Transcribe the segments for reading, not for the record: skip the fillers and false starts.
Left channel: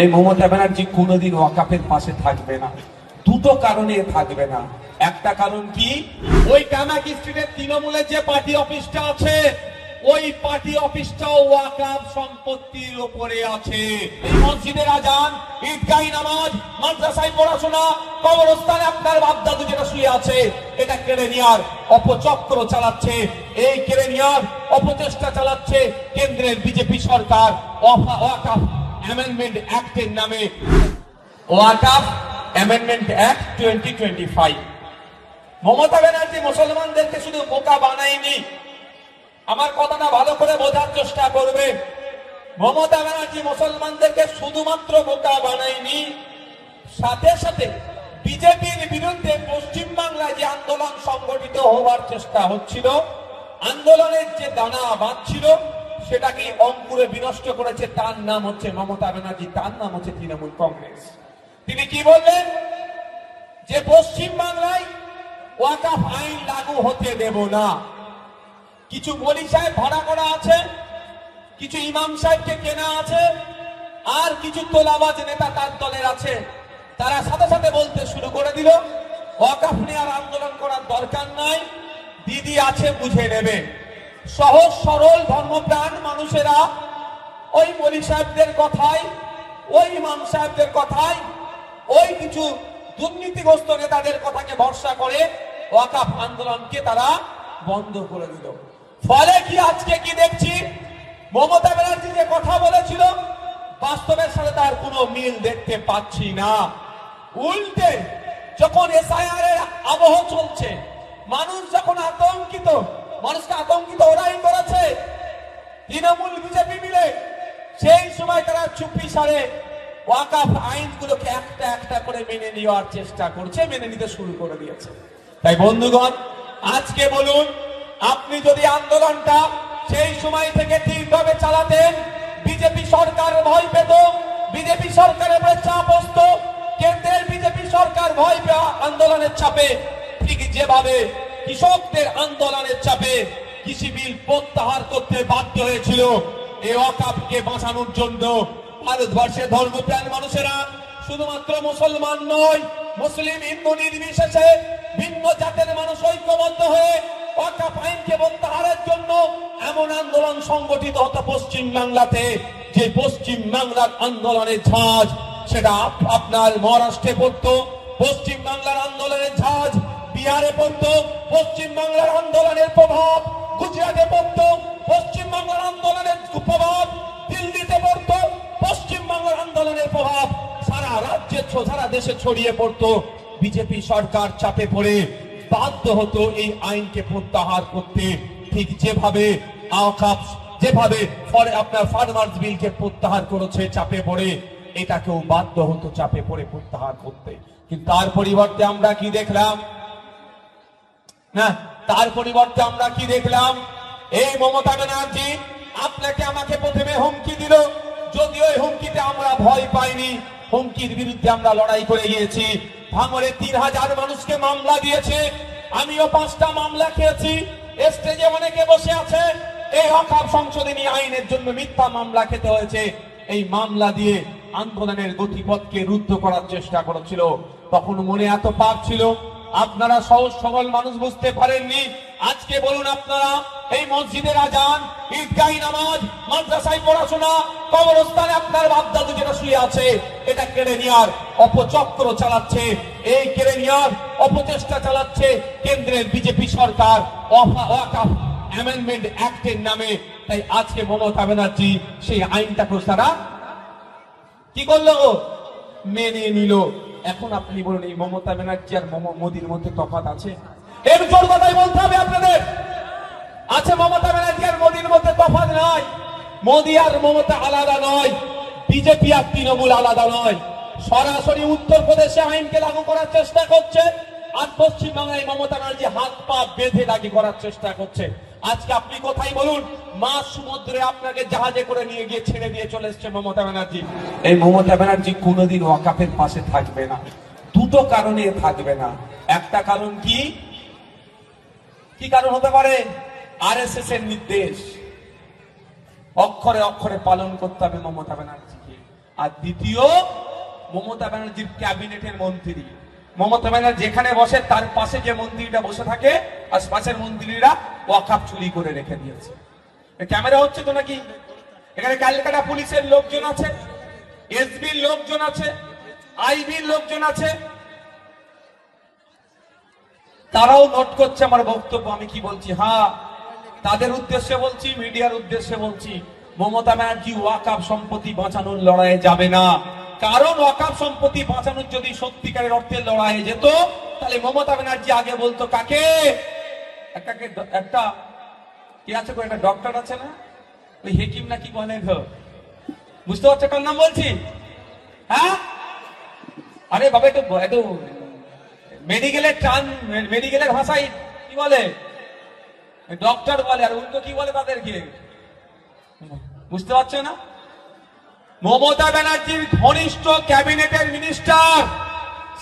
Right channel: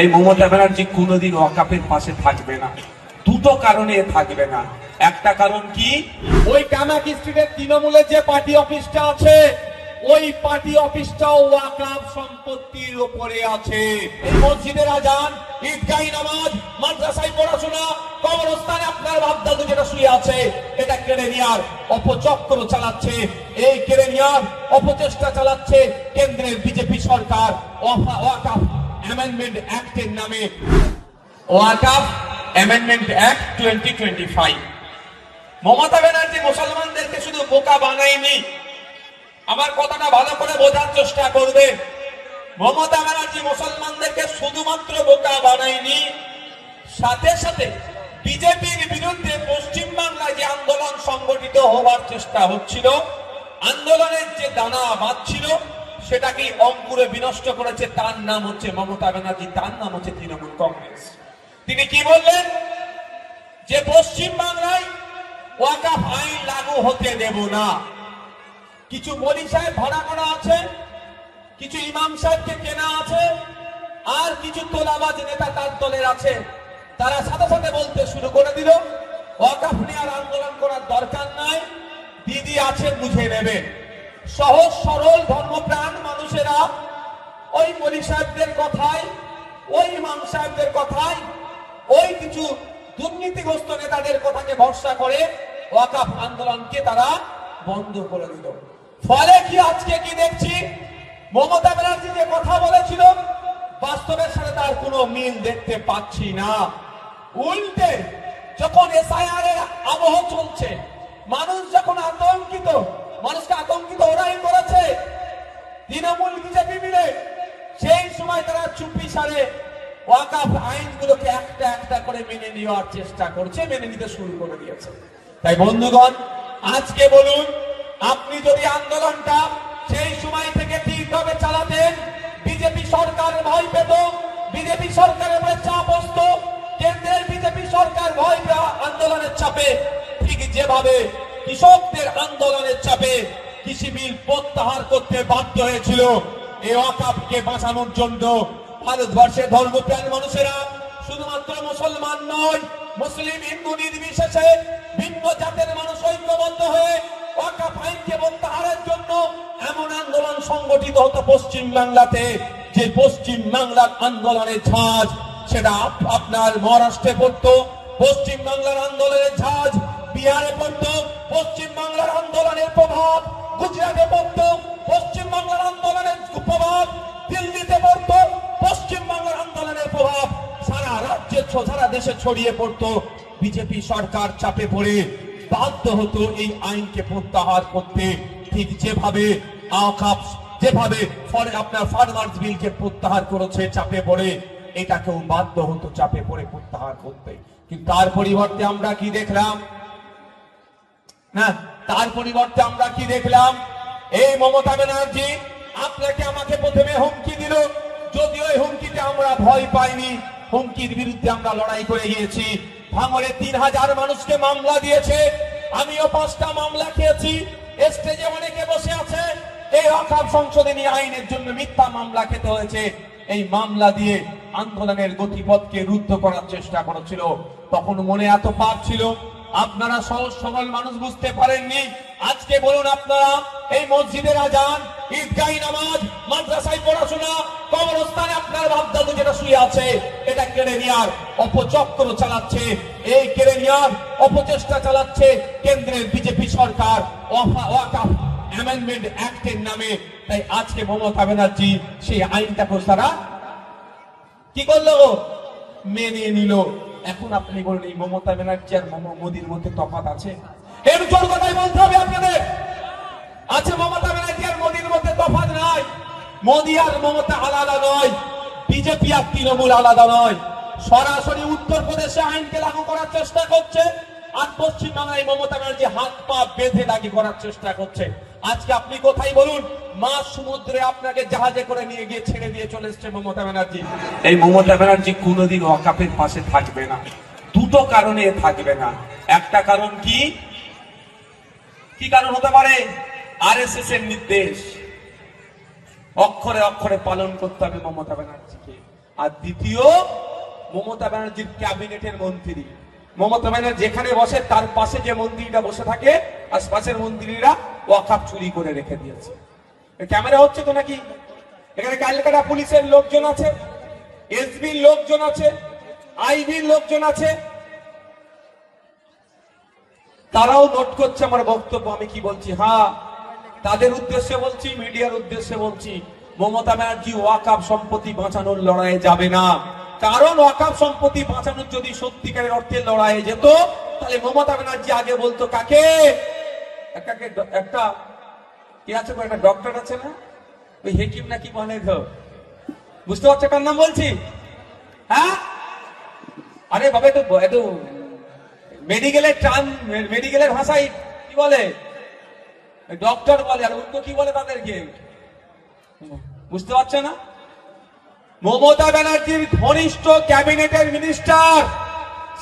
এই মমতা ব্যানার্জি কোনোদিন ওয়াকাফের পাশে থাকবে না। দুটো কারণে থাকবে না। একটা কারণ কি, ওই কামাকি স্ট্রিটের তৃণমূলের যে পার্টি অফিসটা আছে, ওই পার্টি অফিসটাও ওয়াকাফ সম্পত্তির উপরে আছে। এই মসজিদের আজান, ঈদগাহি নামাজ, মাদ্রাসায় পড়াশোনা, কবরস্থানে আপনার বাপদাদু যেটা শুয়ে আছে, এটা কেড়ে নেওয়ার অপচক্র চালাচ্ছে। এই কেড়ে নেওয়ার অপচেষ্টা চালাচ্ছে কেন্দ্রের বিজেপি সরকার ওয়াকাফ অ্যামেন্ডমেন্ট অ্যাক্টের নামে। ওয়াকাফ অ্যামেন্ডমেন্ট অ্যাক্ট 2025। মমতা ব্যানার্জি মুসলমানদেরকে শুধু বোকা বানায়নি, আমার কথাটা ভালো করে বোঝার চেষ্টা করবে। মমতা ব্যানার্জি মুসলমানদেরকে শুধুমাত্র বোকা বানায়নি, সাথে সাথে বিজেপির বিরুদ্ধে পশ্চিমবাংলায় যে আন্দোলন সংগঠিত হওয়ার চেষ্টা হচ্ছিল, আন্দোলনের যে দানা বাঁধছিল, সেটাকে অঙ্কুরে বিনষ্ট করেছে। তার নাম হচ্ছে মমতা ব্যানার্জি, তার নাম হচ্ছে তৃণমূল কংগ্রেস। তিনি কি বললেন যে পশ্চিমবাংলায় ওয়াকাফ আইন লাগু হতে দেব না। কিছু মলি সাহেব ভাড়া করা আছে, কিছু ইমাম সাহেবকে কেনা আছে, আর কিছু তোলাবাজ নেতা তার দলের আছে। তারা সাথে সাথে বলতে শুরু করে দিল, ওয়াকাফ নিয়ে আর আন্দোলন করার দরকার নাই, দিদি আছে বুঝে নেবে। সহজ সরল ধর্মপ্রাণ মানুষেরা ওই মলি সাহেবদের কথায়, ওই ইমাম সাহেবদের কথায়, ওই কিছু দুর্নীতিগ্রস্ত নেতাদের কথাকে ভরসা করে ওয়াকাফ আন্দোলনকে তারা বন্ধ করে দিল। ফলে কি আজকে কি দেখছি, মমতা ব্যানার্জি যে কথা বলেছিল বাস্তবের সাথে তার কোনো মিল দেখতে পাচ্ছি না। উল্টে যখন এসআইআর এর আবহ চলছে, মানুষ যখন আতঙ্কিত, মানুষকে আতঙ্কিত ওরাই করেছে তৃণমূল বিজেপি মিলে, সেই সময় তারা চুপি সারে ওয়াকাফ আইনগুলোকে একটা একটা করে মেনে নেওয়ার চেষ্টা করছে, মেনে নিতে শুরু করে দিয়েছে। তাই বন্ধুগণ, আজকে বলুন, আপনি যদি আন্দোলনটা সেই সময় থেকে ঠিকভাবে চালাতেন, বিজেপি সরকার ভয় পেত, বিজেপি সরকারের উপরে চাপ আসত, কেন্দ্রের বিজেপি সরকার ভয় পেয়ে আন্দোলনের চাপে, ঠিক যেভাবে কৃষকদের আন্দোলনের চাপে কৃষি বিল প্রত্যাহার করতে বাধ্য হয়েছিল, এই ওয়াকাফকে বাঁচানোর জন্য ভারতবর্ষের ধর্মপ্রাণ মানুষেরা, শুধুমাত্র মুসলমান নয়, মুসলিম হিন্দু নির্বিশেষে ভিন্ন জাতের মানুষ ঐক্যবদ্ধ হয়ে ওয়াকাফ আইনকে প্রত্যাহারের জন্য এমন আন্দোলন সংগঠিত হতো পশ্চিম বাংলাতে, যে পশ্চিম বাংলার আন্দোলনের ঝাঁজ সেটা আপনার মহারাষ্ট্রে পড়তো, পশ্চিম বাংলার আন্দোলনের ঝাঁজ বিহারে পড়তো, পশ্চিম বাংলার আন্দোলনের প্রভাব গুজরাটে পড়তো, পশ্চিম বাংলার আন্দোলনের প্রভাব দিল্লিতে পড়তো, পশ্চিম বাংলার আন্দোলনের প্রভাব সারা রাজ্যে, সারা দেশে ছড়িয়ে পড়তো। বিজেপি সরকার চাপে পড়ে বাধ্য হতো এই আইনকে প্রত্যাহার করতে, ঠিক যেভাবে যেভাবে আপনার ফার্মার্স বিলকে প্রত্যাহার করেছে চাপে পড়ে, এটাকেও বাধ্য হতো চাপে পড়ে প্রত্যাহার করতে। কিন্তু তার পরিবর্তে আমরা কি দেখলাম, না তার পরিবর্তে আমরা কি দেখলাম, এই মমতা ব্যানার্জি আপনাকে আমাকে প্রথমে হুমকি দিল, যদিও এই হুমকিতে আমরা ভয় পাইনি, হুমকির বিরুদ্ধে আমরা লড়াই করে গিয়েছি। ভাঙড়ে 3000 মানুষকে মামলা দিয়েছে, আমিও 5টা মামলা খেয়েছি। স্টেজে অনেকে বসে আছে, এই ওয়াকাফ সংশোধনী আইনের জন্য মিথ্যা মামলা খেতে হয়েছে। এই মামলা দিয়ে আন্দোলনের গতিপথকে রুদ্ধ করার চেষ্টা করেছিল। তখন মনে এত পাপ ছিল, আপনারা সহজ সরল মানুষ বুঝতে পারেননি। আজকে বলুন, আপনারা এই মসজিদের আজান, ঈদগাহি নামাজ, মাদ্রাসায় পড়াশোনা, কবরস্থানে আপনার বাপদাদু যেটা শুয়ে আছে, এটা কেড়ে নেওয়ার অপচক্র চালাচ্ছে, এই কেড়ে নেওয়ার অপচেষ্টা চালাচ্ছে কেন্দ্রের বিজেপি সরকার ওয়াকাফ অ্যামেন্ডমেন্ট অ্যাক্টের নামে। তাই আজকে মমতা ব্যানার্জি সেই আইনটাকে তারা কি করলো, মেনে নিল। এখন আপনি বলুন, এই মমতা ব্যানার্জি আর মোদির মধ্যে তফাৎ আছে? এর জোর কথাই বলতে হবে আপনাদের, আছে মমতা ব্যানার্জি আর মোদির মধ্যে তফাৎ নাই। মোদি আর মমতা আলাদা নয়, বিজেপি আর তৃণমূল আলাদা নয়। সরাসরি উত্তরপ্রদেশে আইনকে লাগু করার চেষ্টা করছে, আর পশ্চিমবাংলায় মমতা ব্যানার্জি হাত পা বেঁধে লাগু করার চেষ্টা করছে। আজকে আপনি কোথায় বলুন, মাঝ সমুদ্রে আপনাকে জাহাজে করে নিয়ে গিয়ে ছেড়ে দিয়ে চলে এসছে মমতা ব্যানার্জি। এই মমতা ব্যানার্জি কোনোদিন ওয়াকাফের পাশে থাকবে না। দুটো কারণে থাকবে না। একটা কারণ কি, কি কারণ হতে পারে, আরএসএস এর নির্দেশ অক্ষরে অক্ষরে পালন করতে হবে মমতা ব্যানার্জিকে। আর দ্বিতীয় মমতা ব্যানার্জির ক্যাবিনেটের মন্ত্রী। মমতা ব্যানার্জি যেখানে বসে তার পাশে যে মন্ত্রীরা বসে থাকে, আর পাশের মন্ত্রীরা ওয়াকফ চুরি করে রেখে দিয়েছে। ক্যামেরা হচ্ছে তো নাকি? এখানে ক্যালকাটা পুলিশের লোকজন আছে, এসবির লোকজন আছে, আইবির লোকজন আছে, তারাও নোট করছে আমার বক্তব্য আমি কি বলছি। হ্যাঁ, তাদের উদ্দেশ্যে বলছি, মিডিয়ার উদ্দেশ্যে বলছি, মমতা ব্যানার্জি ওয়াকফ সম্পত্তি বাঁচানোর লড়াইয়ে যাবে না। কারণ ওয়াকফ সম্পত্তি বাঁচানোর যদি সত্যিকারের অর্থে লড়াইয়ে যেত, তাহলে মমতা ব্যানার্জি আগে বলতো কাকে? একটা কি আছে, একটা ডক্টর আছে না, ওই হেকিম নাকি বনে ঘর, বুঝতে পারছো কার নাম বলছি? হ্যাঁ, আরে বাবা একটু মেডিকেলের ভাষায় কি বলে? ডক্টর বলে, আর উল্টো কি বলে তাদেরকে? বুঝতে পারছে না? মমতা ব্যানার্জির ঘনিষ্ঠ ক্যাবিনেটের মিনিস্টার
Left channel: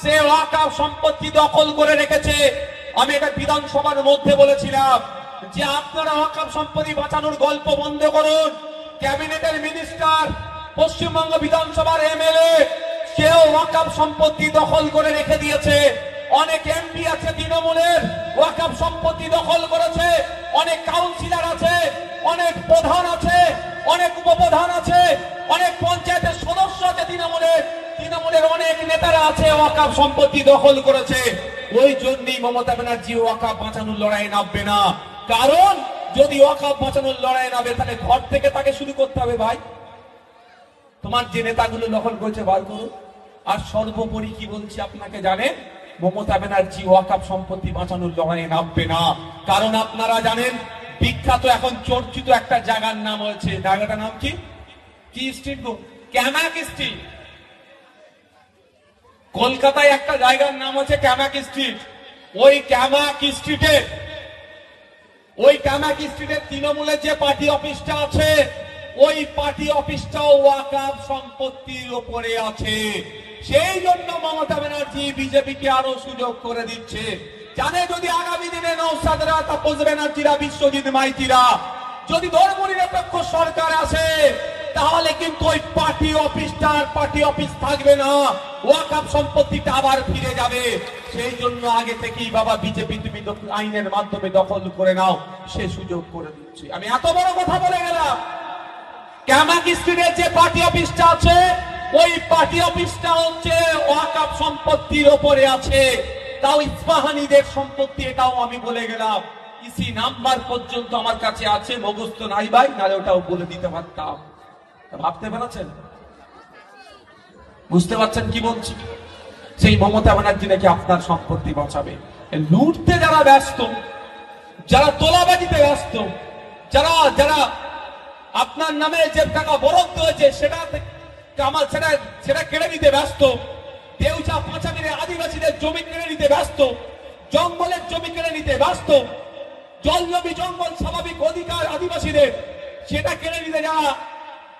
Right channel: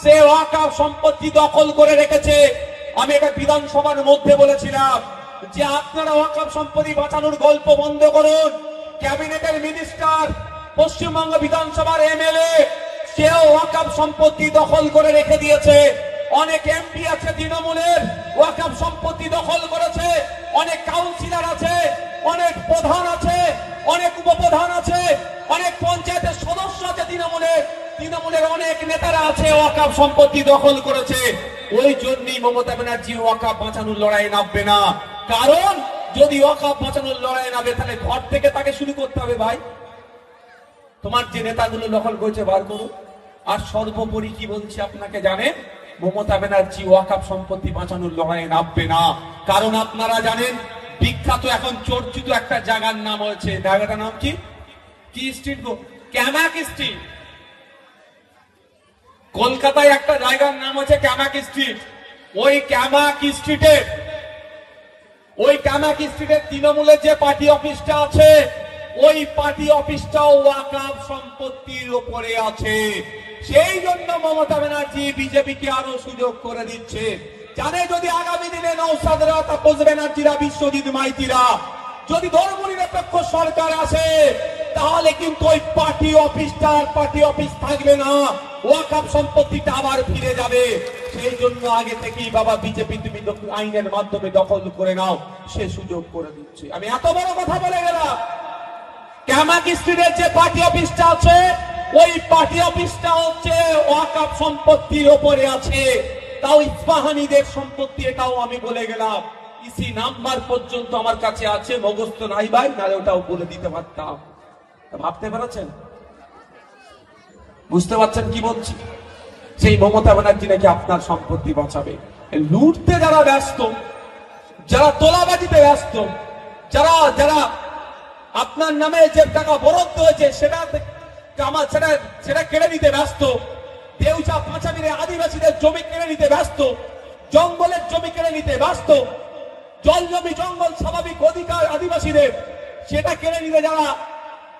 সে ওয়াকফ সম্পত্তি দখল করে রেখেছে। আমি এটা বিধানসভার মধ্যে বলেছিলাম যে আপনারা ওয়াকফ সম্পত্তি বাঁচানোর গল্প বন্ধ করুন। ক্যাবিনেটের মিনিস্টার, পশ্চিমবঙ্গ বিধানসভার এমএলএ, সেও ওয়াকফ সম্পত্তি দখল করে রেখে দিয়েছে। অনেক এমপি আছে তৃণমূলের, ওয়াকফ সম্পত্তি দখল করেছে। অনেক কাউন্সিলর আছে, অনেক প্রধান আছে, অনেক উপপ্রধান আছে, অনেক পঞ্চায়েতের সদস্য আছে তৃণমূলের অনেক নেতারা আছে, ওয়াকফ সম্পত্তি দখল করেছে। ওই জন্যই মমতা ব্যানার্জি ওয়াকফ বাঁচানোর লড়াইয়ে নামবে না। কারণ যদি ওয়াকফ বাঁচানোর লড়াইয়ে নামে, তাহলে ঘর থেকে তাকে শুরু করতে হবে। ভাই, তোমার যে নেতাগুলো দখল করেছে বার করুন। আর সর্বোপরি কি বলছি আপনাকে জানেন, মমতা ব্যানার্জি ওয়াকফ সম্পত্তি বাঁচানোর লড়াইয়ে নামবে না। কারণ আপনারা জানেন, বিখ্যাত এখন চর্চিত একটা জায়গার নাম হয়েছে, জায়গাটার নাম কি? কি স্ট্রিট? ক্যামাক স্ট্রিট। কলকাতায় একটা জায়গার নাম হচ্ছে ক্যামাক স্ট্রিট। ওই ক্যামাক স্ট্রিটের তৃণমূলের যে পার্টি অফিসটা আছে, ওই পার্টি অফিসটাও ওয়াকফ সম্পত্তির উপরে আছে। সেই জন্য মমতা ব্যানার্জি বিজেপিকে আরো সুযোগ করে দিচ্ছে। জানে যদি আগামী দিনে নওশাদরা, তাপস ব্যানার্জিরা, বিশ্বজিৎ মাইতিরা যদি ধর্মনিরপেক্ষ সরকার আসে, তাহলে কিন্তু ওই পার্টি অফিস থাকবে না, ওয়াকফ সম্পত্তিটা আবার ফিরে যাবে। সেই জন্য আগে থেকেই বাবা বিজেপি তুমি আইনের মাধ্যমে দখল করে নাও, সে সুযোগ করে দিচ্ছে। আমি এত বড় কথা বলে গেলাম। ক্যামাক স্ট্রিটের যে পার্টি অফিসটা আছে, ওই পার্টি অফিসটা হচ্ছে ওয়াকফ সম্পত্তির ওপরে আছে। তাও ইস্পাহানিদের সম্পত্তি, এটাও আমি বলে গেলাম। ইসি নাম্বার পর্যন্ত আমার কাছে আছে, মুখস্থ নাই ভাই, নাহলে ওটাও বলে দিতে পারতাম। ভাবতে পারছেন? বুঝতে পারছেন কি বলছি? সেই মমতা ব্যানার্জি নাকি আপনার সম্পত্তি বাঁচাবে। লুটতে যারা ব্যস্ত, যারা তোলাবাজিতে ব্যস্ত, যারা আপনার নামে যে টাকা বরাদ্দ হয়েছে সেটা কেড়ে নিতে ব্যস্ত, দেউচা পাঁচামিরে আদিবাসীদের জমি কেড়ে নিতে ব্যস্ত, জঙ্গলের জমি কেড়ে নিতে ব্যস্ত, জল জমি জঙ্গল স্বাভাবিক অধিকার আদিবাসীদের, সেটা কেড়ে নিতে যারা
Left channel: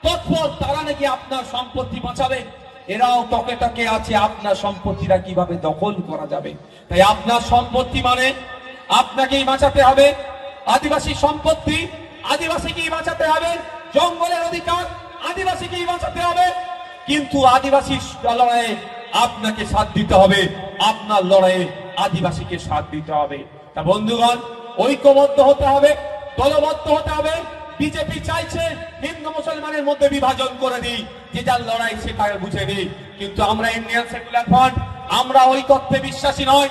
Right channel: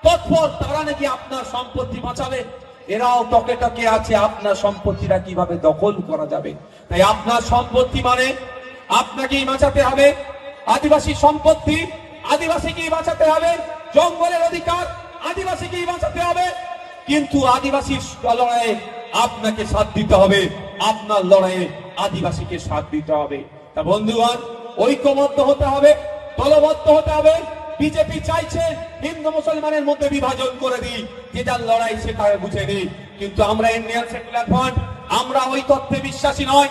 তৎপর, তারা নাকি আপনার সম্পত্তি বাঁচাবে। এরাও টকে টকে আছে আপনার সম্পত্তিটা কিভাবে দখল করা যাবে। তাই আপনার সম্পত্তি মানে আপনাকেই বাঁচাতে হবে। আদিবাসী সম্পত্তি আদিবাসীকেই বাঁচাতে হবে, জঙ্গলের অধিকার আদিবাসীকেই বাঁচাতে হবে। কিন্তু আদিবাসী লড়াইয়ে আপনাকে সাথ দিতে হবে, আপনার লড়াইয়ে আদিবাসীকে সাথ দিতে হবে। তা বন্ধুগণ, ঐক্যবদ্ধ হতে হবে, দলবদ্ধ হতে হবে। বিজেপি চাইছে হিন্দু মুসলমানের মধ্যে বিভাজন করে দিই, যে যার লড়াই সেটাকে বুঝে দিই। কিন্তু আমরা ইন্ডিয়ান সেকুলার ফ্রন্ট, আমরা ওই তত্ত্বে বিশ্বাসী নয়।